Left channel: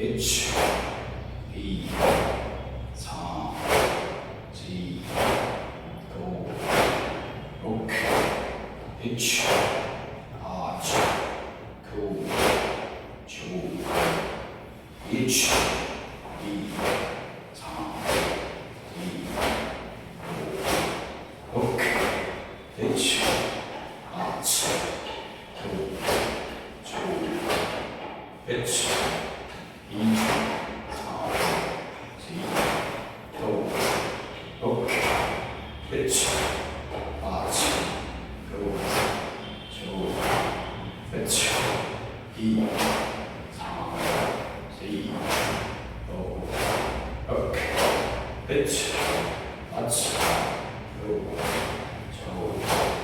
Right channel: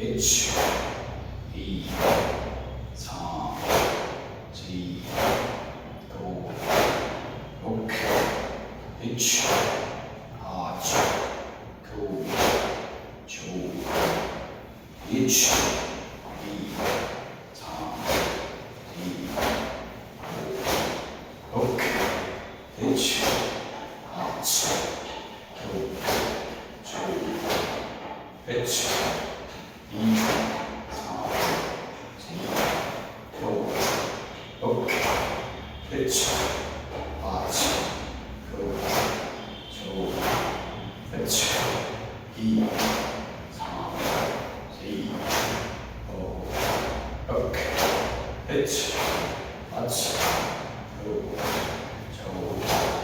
1, 2, 3, 4, 5, 6, 7, 8, 9, 10, 1, 2, 3, 4, 5, 6, 7, 8, 9, 10, 2, 3, 4, 5, 6, 7, 8, 9, 10, 2, 3, 4, 5, 6, 7, 8, 9, 10,